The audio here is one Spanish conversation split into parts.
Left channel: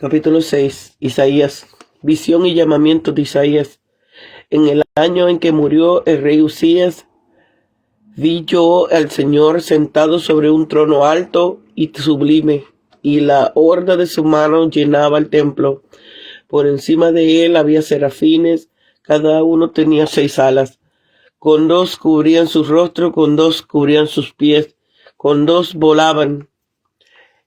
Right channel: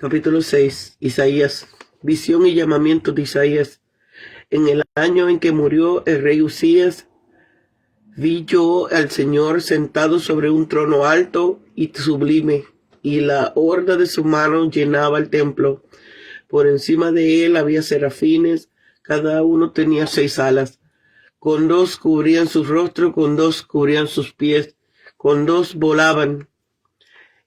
Capítulo 6. Isaías. Visión y llamamiento de Isaías. En el año en que murió el rey Usías, vi yo al Señor sentado sobre un trono alto y sublime, y la horda de su mano llenaba el templo. Por encima de él había serafines, cada uno tenía 6 alas. Con 2 cubrían su rostro, con 2 cubrían sus pies, con 2 volaban.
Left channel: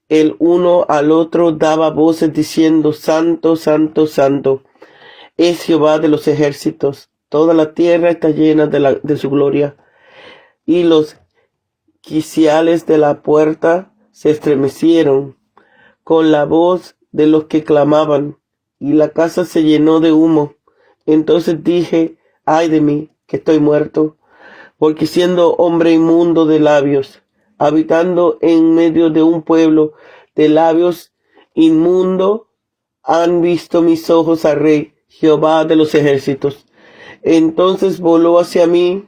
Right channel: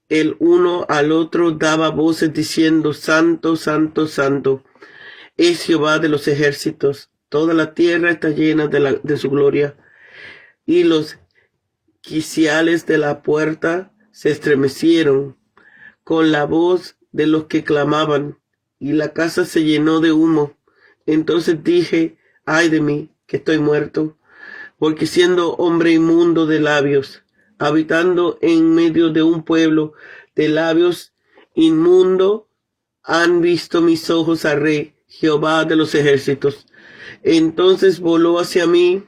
El uno al otro daba voces diciendo: Santo, Santo, Santo es Jehová de los ejércitos. Toda la tierra está llena de su gloria. Y los quiciales de la puerta se estremecieron con la voz de los que clamaban, y la casa se llenó de humo. Entonces dije: ay de mí, que estoy muerto, porque siendo hombre inmundo de labios, habitando en medio de un pueblo de labios inmundo, han visto mis ojos al Rey, Jehová de los ejércitos. Entonces voló hacia mí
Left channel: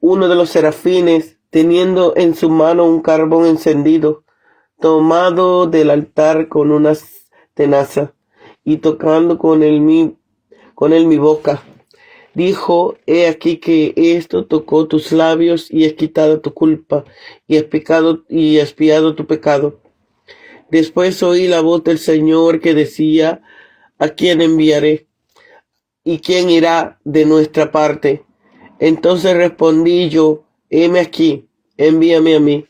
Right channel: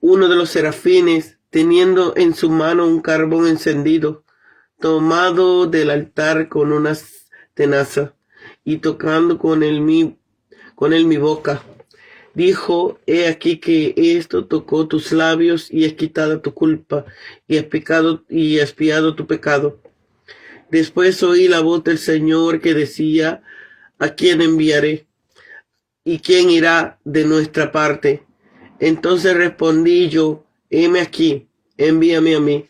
uno de los serafines, teniendo en su mano un carbón encendido, tomado del altar con una tenaza, y tocando con él mi boca. Dijo: he aquí que esto tocó tus labios, y es quitada tu culpa, y expiado tu pecado. Después oí la voz del Señor que decía: ¿a quién enviaré? ¿Y quién irá de nuestra parte? Entonces respondí yo: heme aquí, envíame a mí.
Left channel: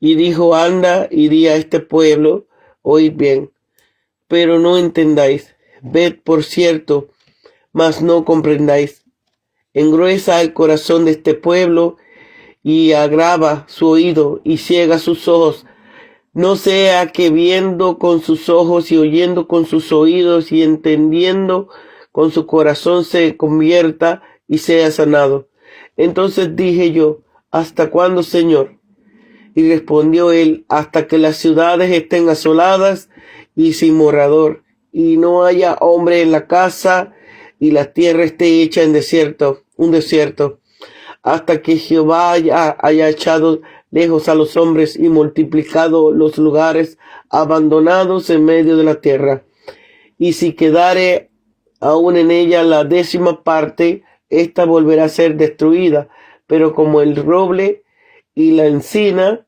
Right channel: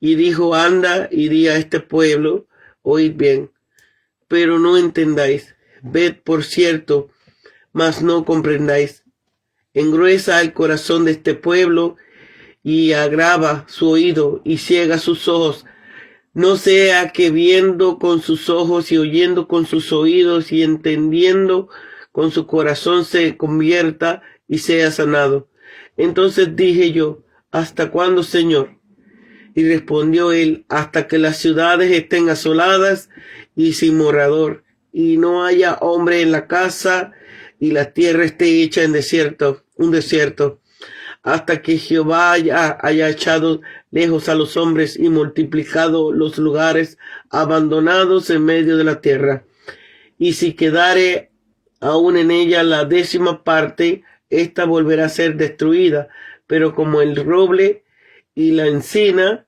Y dijo: anda y di a este pueblo, oíd bien, pero no entendáis, ved por cierto, mas no comprendáis. Engruesa el corazón de este pueblo, y agrava su oído, y ciega sus ojos, no sea que viendo con sus ojos, y oyendo con sus oídos, y entendiendo con su corazón, se convierta y sea sanado. Entonces dije yo: ¿hasta cuándo, Señor? Y respondió él: hasta que las ciudades estén asoladas y sin morador, y no haya hombre en la casa, y la tierra esté hecha un desierto, hasta que Jehová haya echado lejos a los hombres y multiplicado los lugares abandonados en medio de la tierra. Y si quedare aún en ella la 10ª parte, ésta volverá a ser destruida, pero como el roble y la encina,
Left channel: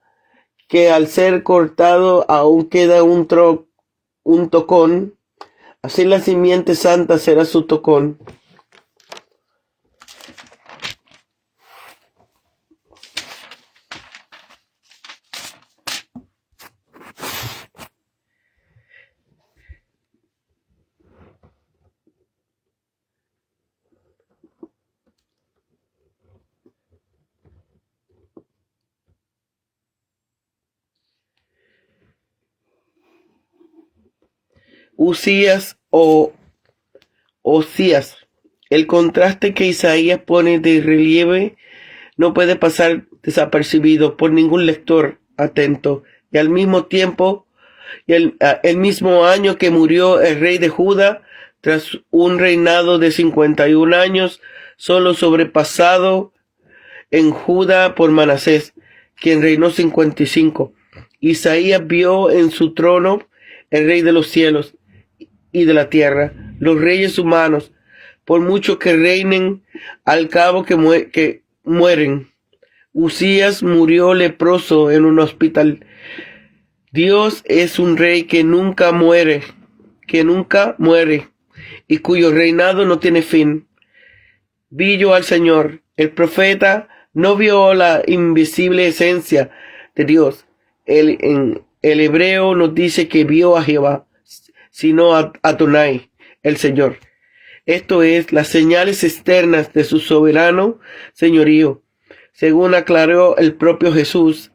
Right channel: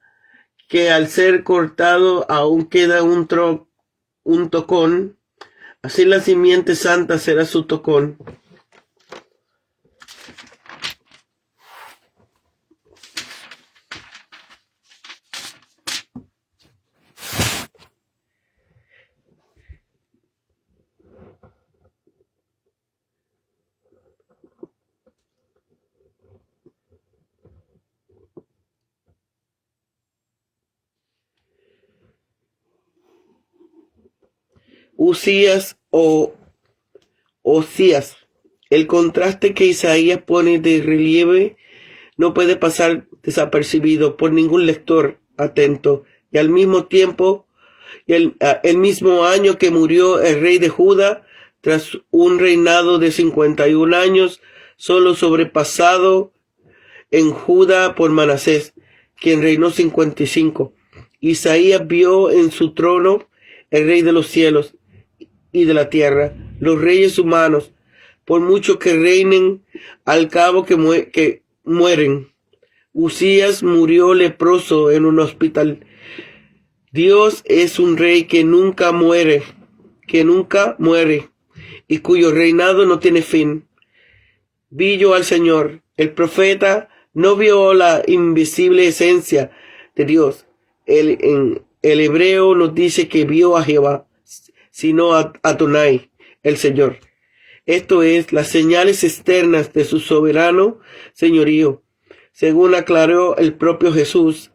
que al ser cortado aún queda un tocón, así la simiente santa será su tocón. Usías o Osías. El contraste que Isaías pone de relieve no puede pasar desapercibido por ningún lector atento. Y al mismo tiempo, el mismo año que murió el rey de Judá, tras un reinado de 51 años, solo sobrepasado en Judá por Manasés, quien reinó 55. Isaías vio en su trono el rey de los cielos y de la tierra, los reyes humanos, por mucho que reinen, al cabo que mueren. Usías murió leproso en un hospital. Dios es un rey que nunca muere, y cuyo reinado no tiene fin. Vi yo al Señor. El profeta no vio la invisible esencia de Dios. En el hebreo nos dice que vio a Jehová, sino a Adonai, el Señor. Esto es, las señales externas de su soberano señorío. Según aclaró el propio Jesús,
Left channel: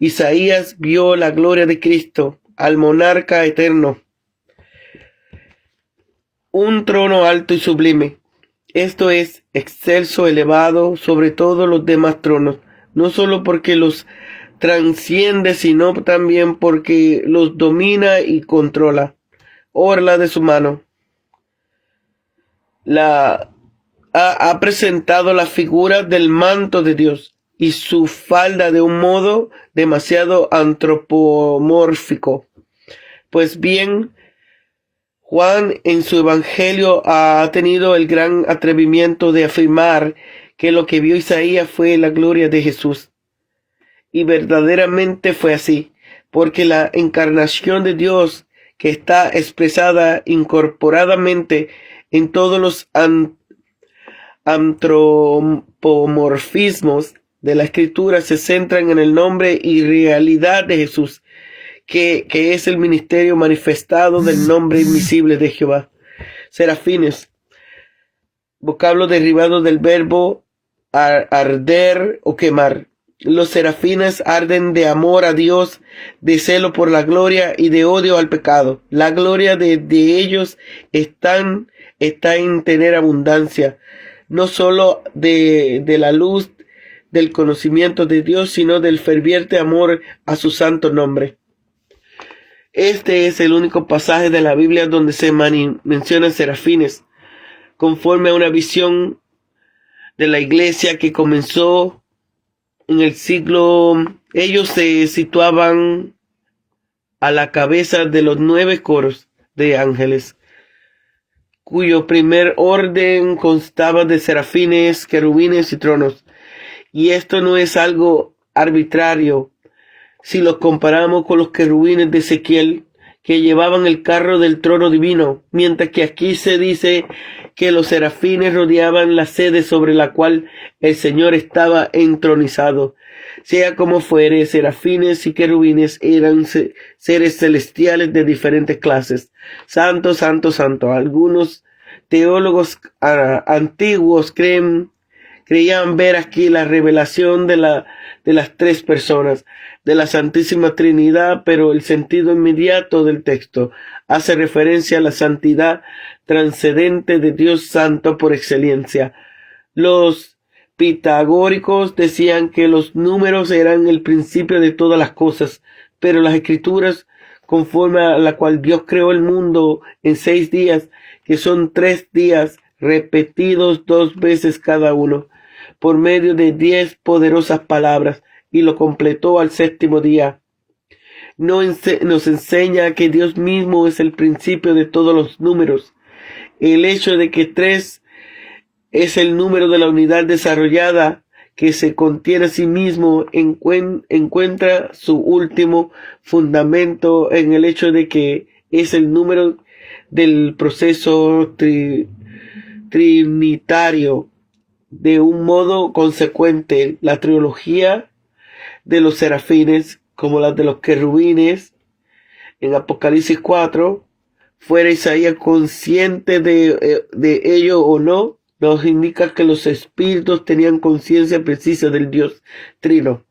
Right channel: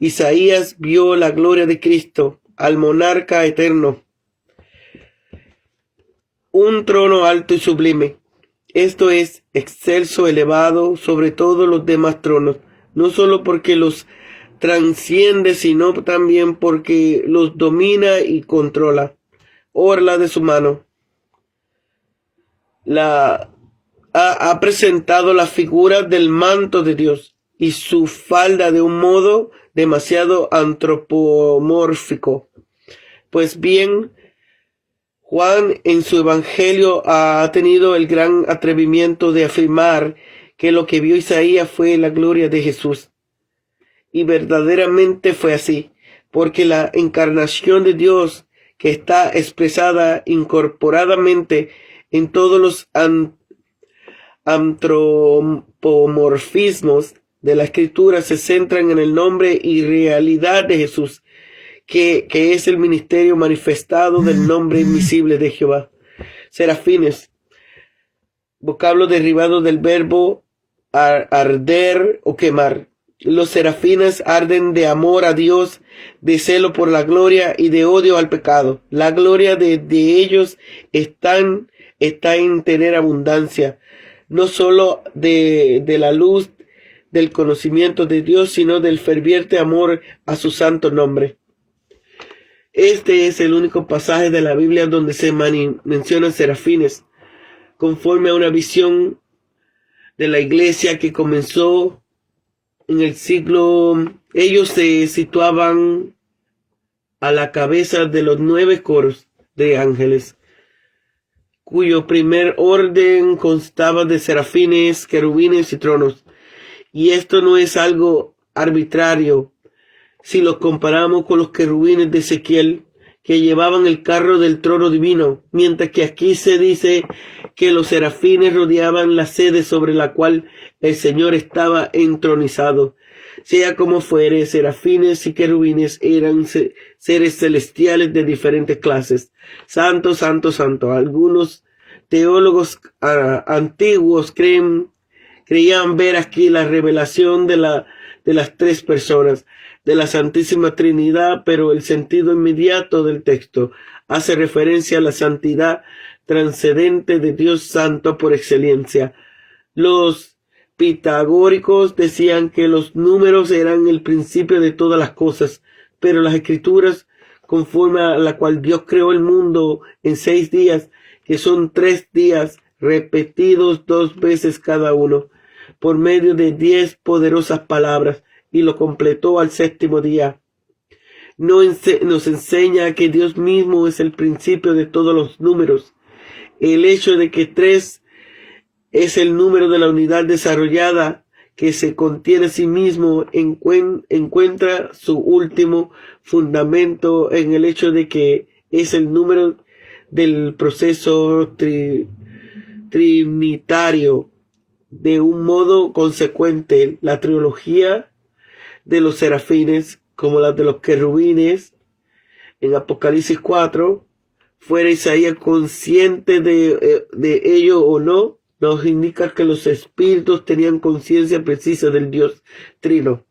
Isaías vio la gloria de Cristo, al monarca eterno. Un trono alto y sublime. Esto es, excelso, elevado sobre todos los demás tronos, no solo porque los transciende, sino también porque los domina y controla. Orla de su mano. Ha presentado la figura del manto de Dios y su falda de un modo demasiado antropomórfico. Pues bien, Juan en su evangelio ha tenido el gran atrevimiento de afirmar que lo que vio Isaías fue la gloria de Jesús. Y verdaderamente fue así, porque la encarnación de Dios, que está expresada incorporadamente en todos los antropomorfismos de la Escritura, se centran en el nombre y realidad de Jesús, que es el ministerio manifestado del nombre invisible de Jehová. Serafines, vocablo derivado del verbo arder o quemar. Los serafines arden de amor a Dios, de celo por la gloria y de odio al pecado. La gloria de ellos está en tener abundancia, no solo de la luz del conocimiento de Dios, sino del ferviente amor a su santo nombre. Este es el único pasaje de la Biblia donde se mencionan serafines, conforme a una visión de la iglesia que comenzó en el siglo. Ellos se situaban a la cabeza de los 9 coros de ángeles, cuyo primer orden constaba de serafines, querubines y tronos. Y esto no es algo arbitrario si lo comparamos con los querubines de Ezequiel, que llevaban el carro del trono divino, mientras que aquí se dice que los serafines rodeaban la sede sobre la cual el Señor estaba entronizado. Sea como fuere, serafines y querubines eran seres celestiales de diferentes clases. Santo, santo, santo. Algunos teólogos antiguos creían ver aquí la revelación de las 3 personas de la Santísima Trinidad, pero el sentido inmediato del texto hace referencia a la santidad transcendente de Dios Santo por excelencia. Los pitagóricos decían que los números eran el principio de todas las cosas, pero las Escrituras, conforme a la cual Dios creó el mundo en 6 días, que son 3 días repetidos 2 veces cada uno, por medio de 10 poderosas palabras, y lo completó al 7º día. Nos enseña que Dios mismo es el principio de todos los números. El hecho de que 3 es el número de la unidad desarrollada que se contiene a sí mismo encuentra su último fundamento en el hecho de que es el número del proceso trinitario. De un modo consecuente, la trilogía de los serafines, como la de los querubines en Apocalipsis 4, fuera Isaías consciente de ello o no, nos indica que los espíritus tenían conciencia precisa del Dios Trino.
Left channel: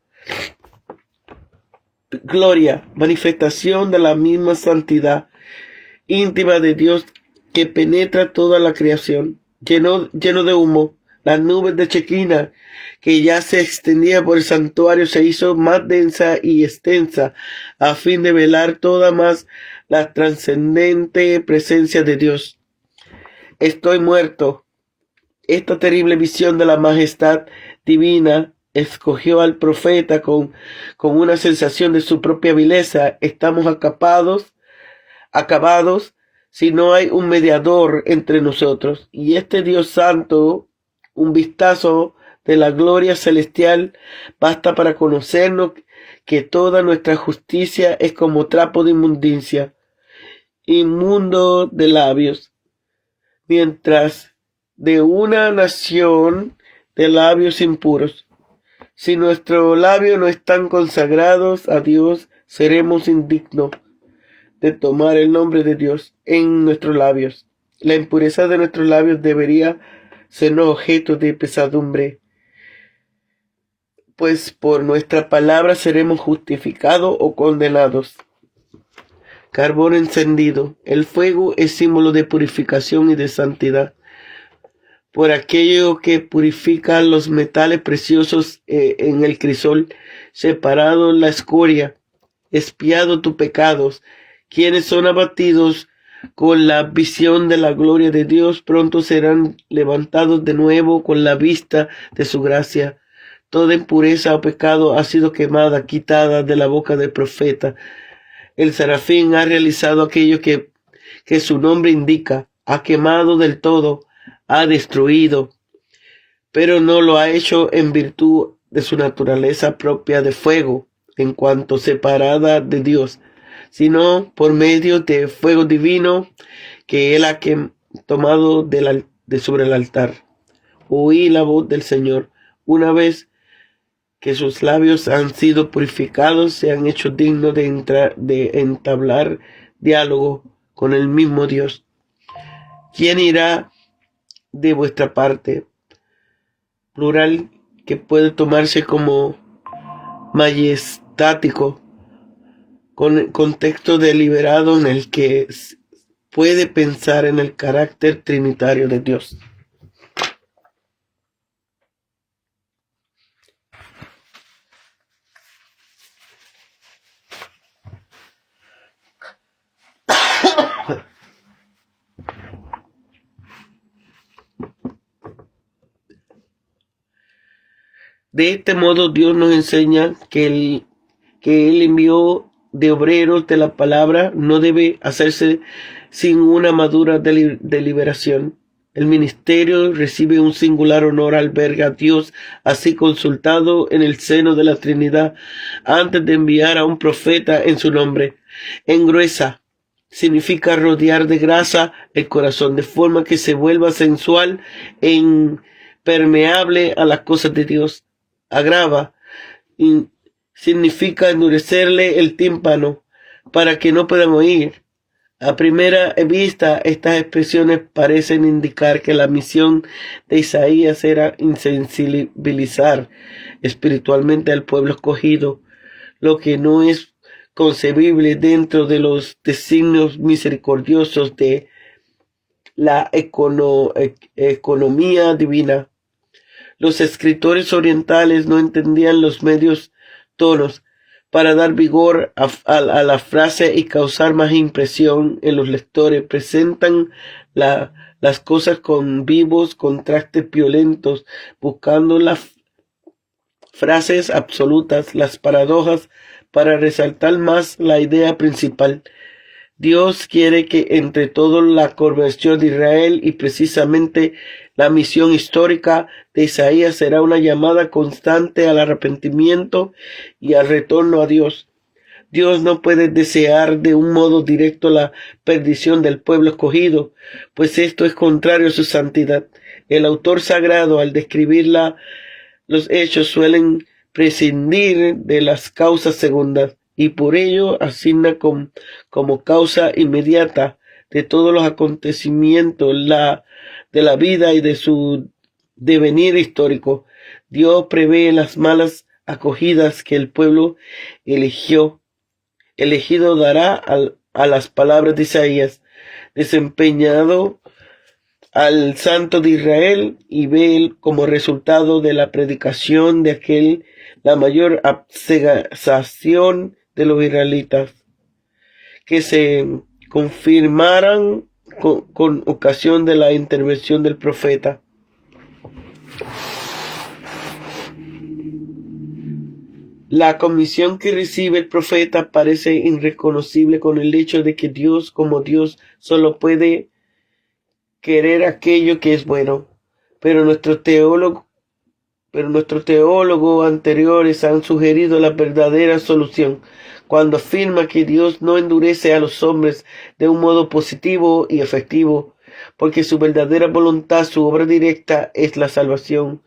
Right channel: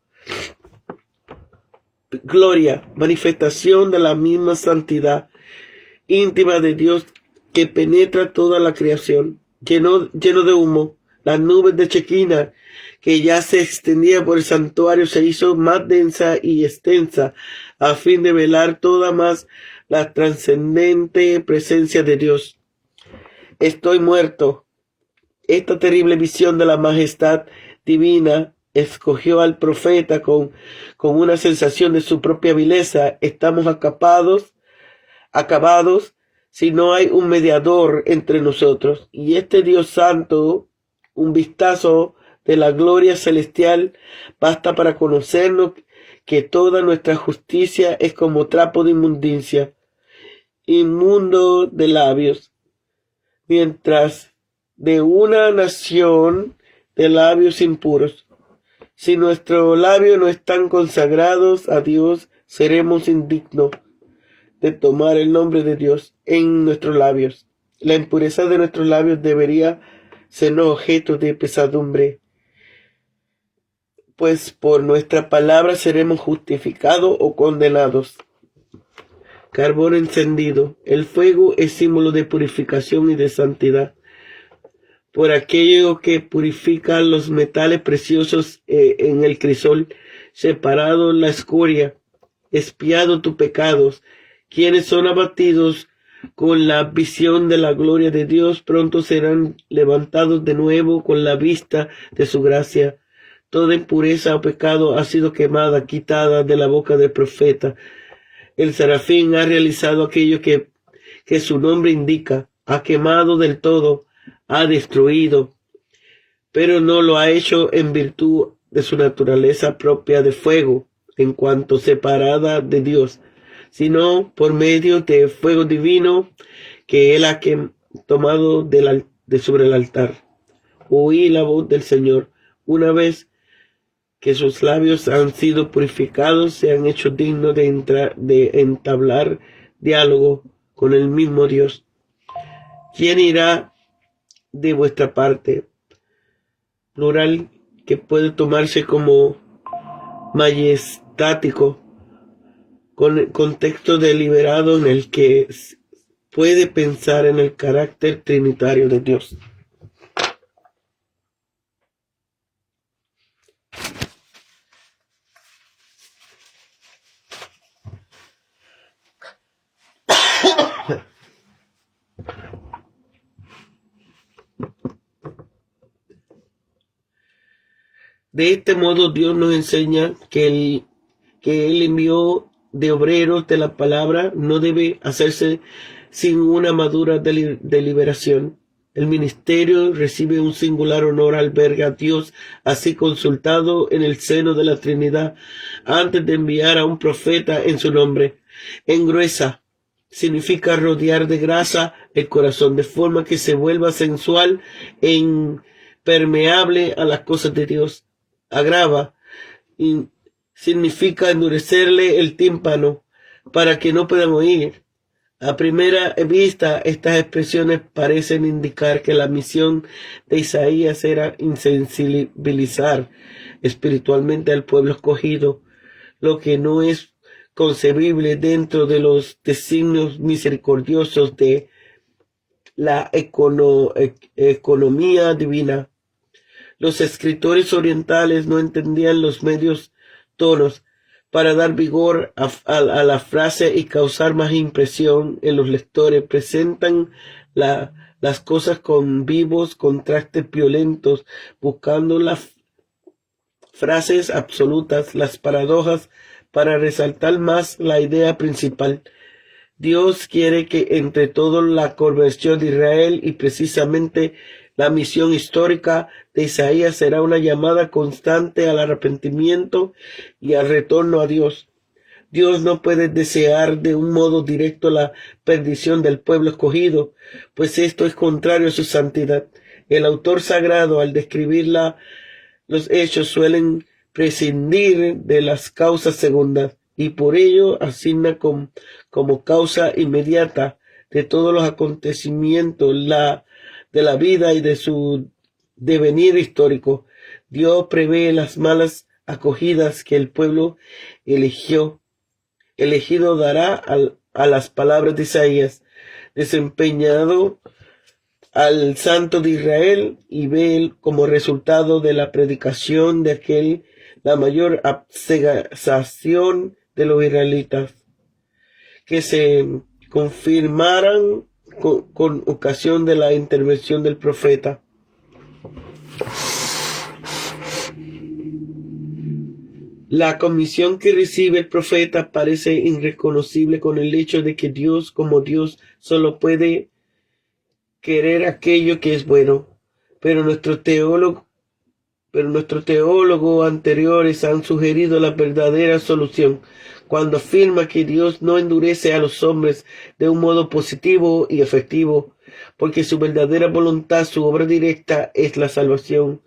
Gloria, manifestación de la misma santidad íntima de Dios que penetra toda la creación, lleno de humo. Las nubes de Chequina, que ya se extendía por el santuario, se hizo más densa y extensa, a fin de velar toda más la trascendente presencia de Dios. Estoy muerto. Esta terrible visión de la majestad divina escogió al profeta con una sensación de su propia vileza. Estamos acabados si no hay un mediador entre nosotros. Y este Dios santo, un vistazo de la gloria celestial basta para conocernos que toda nuestra justicia es como trapo de inmundicia, inmundo de labios, mientras de una nación de labios impuros. Si nuestros labios no están consagrados a Dios, seremos indignos de tomar el nombre de Dios en nuestros labios. La impureza de nuestros labios debería ser objeto de pesadumbre, pues por nuestra palabra seremos justificados o condenados. Carbón encendido. El fuego es símbolo de purificación y de santidad. Por aquello que purifica los metales preciosos en el crisol, separado la escoria, expiado tus pecados, quienes son abatidos con la visión de la gloria de Dios, pronto serán levantados de nuevo con la vista de su gracia. Toda impureza o pecado ha sido quemada, quitada de la boca del profeta. El serafín ha realizado aquello que que su nombre indica, ha quemado del todo, ha destruido, pero no lo ha hecho en virtud de su naturaleza propia de fuego, en cuanto separada de Dios, sino por medio de fuego divino que él ha tomado de sobre el altar. Oí la voz del Señor. Una vez que sus labios han sido purificados, se han hecho dignos de entablar diálogo con el mismo Dios. ¿Quién irá de vuestra parte? Plural que puede tomarse como majestático, con el contexto deliberado en el que puede pensar en el carácter trinitario de Dios. De este modo Dios nos enseña que el envío de obreros de la palabra no debe hacerse sin una madura deliberación. El ministerio recibe un singular honor al ver a Dios así consultado en el seno de la Trinidad antes de enviar a un profeta en su nombre. Engruesa significa rodear de grasa el corazón de forma que se vuelva sensual e impermeable a las cosas de Dios. Agrava significa endurecerle el tímpano para que no puedan oír. A primera vista, estas expresiones parecen indicar que la misión de Isaías era insensibilizar espiritualmente al pueblo escogido, lo que no es concebible dentro de los designios misericordiosos de la economía divina. Los escritores orientales no entendían los medios tonos para dar vigor a la frase y causar más impresión en los lectores. Presentan las cosas con vivos contrastes violentos, buscando las frases absolutas, las paradojas, para resaltar más la idea principal. Dios quiere que entre todo la conversión de Israel y precisamente la misión histórica de Isaías será una llamada constante al arrepentimiento y al retorno a Dios. Dios no puede desear de un modo directo la perdición del pueblo escogido, pues esto es contrario a su santidad. El autor sagrado, al describir los hechos, suelen prescindir de las causas segundas y por ello asigna como causa inmediata de todos los acontecimientos de la vida y de su devenir histórico. Dios prevé las malas acogidas que el pueblo elegido dará a las palabras de Isaías, desempeñado al Santo de Israel, y ve como resultado de la predicación de aquel la mayor abcegación de los israelitas, que se confirmaran con ocasión de la intervención del profeta. La comisión que recibe el profeta parece irreconocible con el hecho de que Dios, como Dios, solo puede querer aquello que es bueno. Pero nuestros teólogos anteriores han sugerido la verdadera solución cuando afirma que Dios no endurece a los hombres de un modo positivo y efectivo, porque su verdadera voluntad, su obra directa, es la salvación,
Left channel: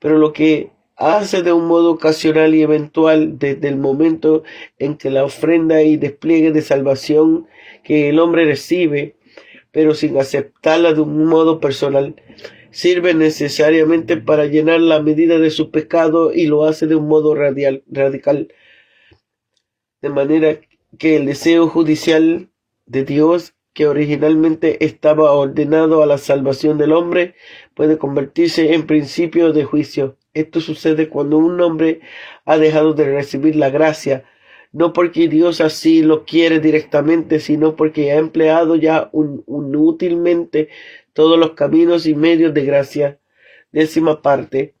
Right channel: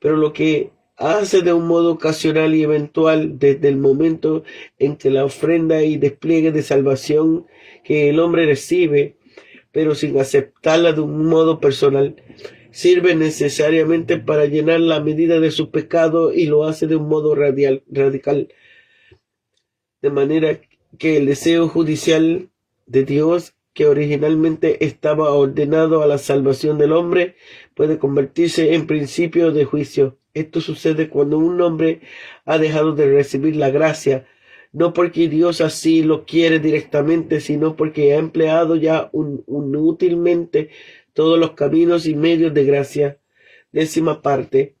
pero lo que hace de un modo ocasional y eventual desde el momento en que la ofrenda y despliegue de salvación que el hombre recibe, pero sin aceptarla de un modo personal, sirve necesariamente para llenar la medida de su pecado y lo hace de un modo radical, de manera que el deseo judicial de Dios, que originalmente estaba ordenado a la salvación del hombre, puede convertirse en principio de juicio. Esto sucede cuando un hombre ha dejado de recibir la gracia, no porque Dios así lo quiere directamente, sino porque ha empleado ya inútilmente todos los caminos y medios de gracia. 10ª parte.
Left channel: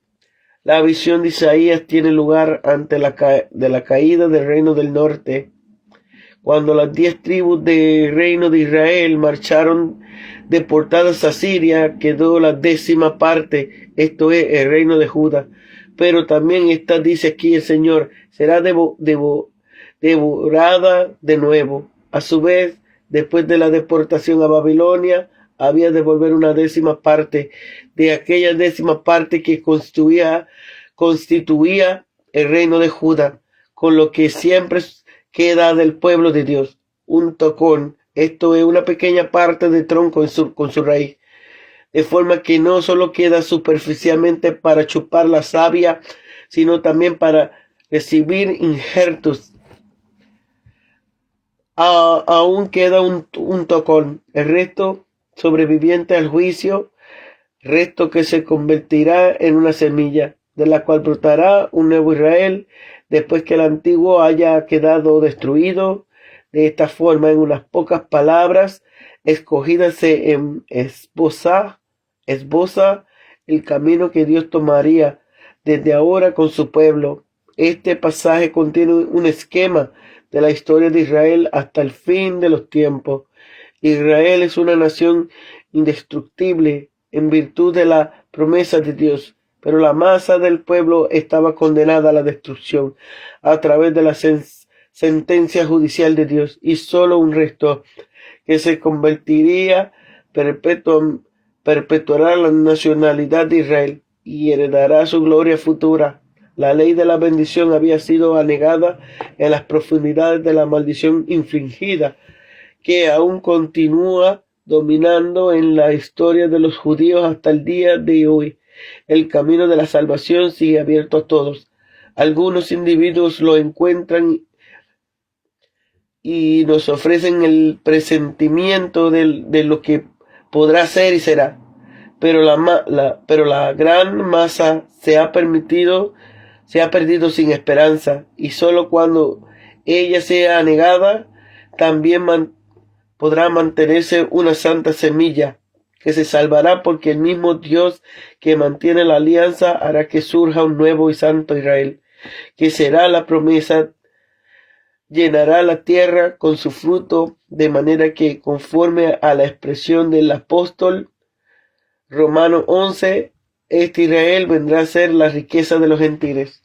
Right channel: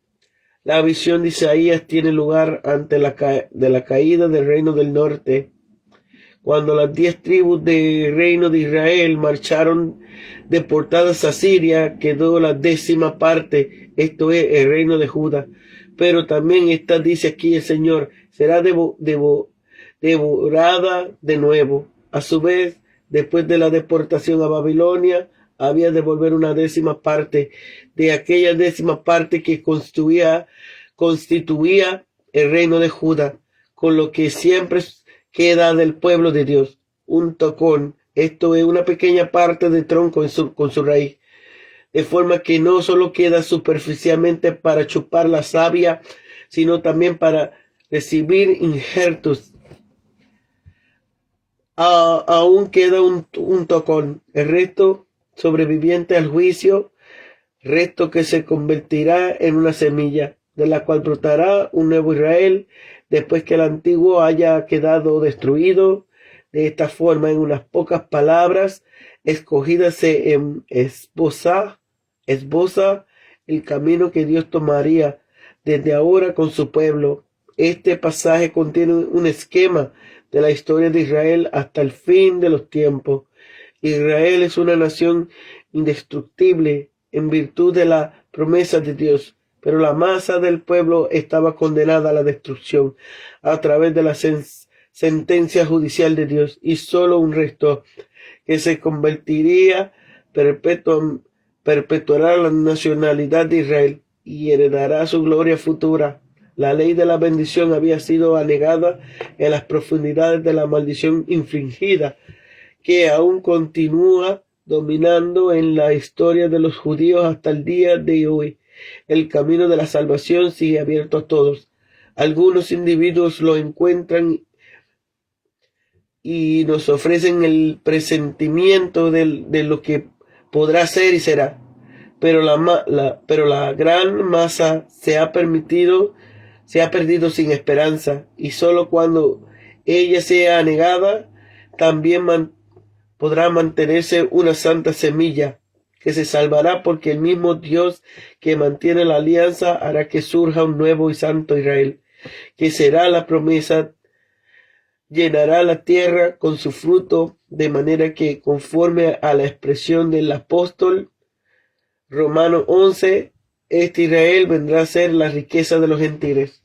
La visión de Isaías tiene lugar antes de la caída del reino del norte, Cuando las 10 tribus del reino de Israel marcharon deportadas a Siria, quedó la 10ª parte, esto es el reino de Judá. Pero también esta, dice aquí el Señor, será devorada de nuevo. A su vez, después de la deportación a Babilonia, había de volver una 10ª parte de aquella 10ª parte que constituía el reino de Judá, con lo que siempre queda del pueblo de Dios, un tocón. Esto es una pequeña parte de tronco con su raíz, de forma que no solo queda superficialmente para chupar la savia, sino también para recibir injertos. Aún queda un tocón, el resto sobreviviente al juicio, resto que se convertirá en una semilla, de la cual brotará un nuevo Israel, después que el antiguo haya quedado destruido. De esta forma, en unas pocas palabras, escogida se esboza el camino que Dios tomaría desde ahora con su pueblo. Este pasaje contiene un esquema de la historia de Israel hasta el fin de los tiempos. Israel es una nación indestructible en virtud de la promesa de Dios, pero la masa del pueblo estaba condenada a la destrucción a través de la sentencia judicial de Dios, y solo un resto que se convertiría perpetuará la nacionalidad de Israel y heredará su gloria futura. La ley de la bendición había sido anegada en las profundidades de la maldición infligida, que aún continúa dominando en la historia de los judíos hasta el día de hoy. El camino de la salvación sigue abierto a todos. Algunos individuos lo encuentran y nos ofrecen el presentimiento de lo que podrá ser y será, pero la gran masa se ha perdido sin esperanza, y solo cuando ella sea negada también podrá mantenerse una santa semilla que se salvará, porque el mismo Dios que mantiene la alianza hará que surja un nuevo y santo Israel, que será la promesa, llenará la tierra con su fruto, de manera que, conforme a la expresión del apóstol Romanos 11, este Israel vendrá a ser la riqueza de los gentiles.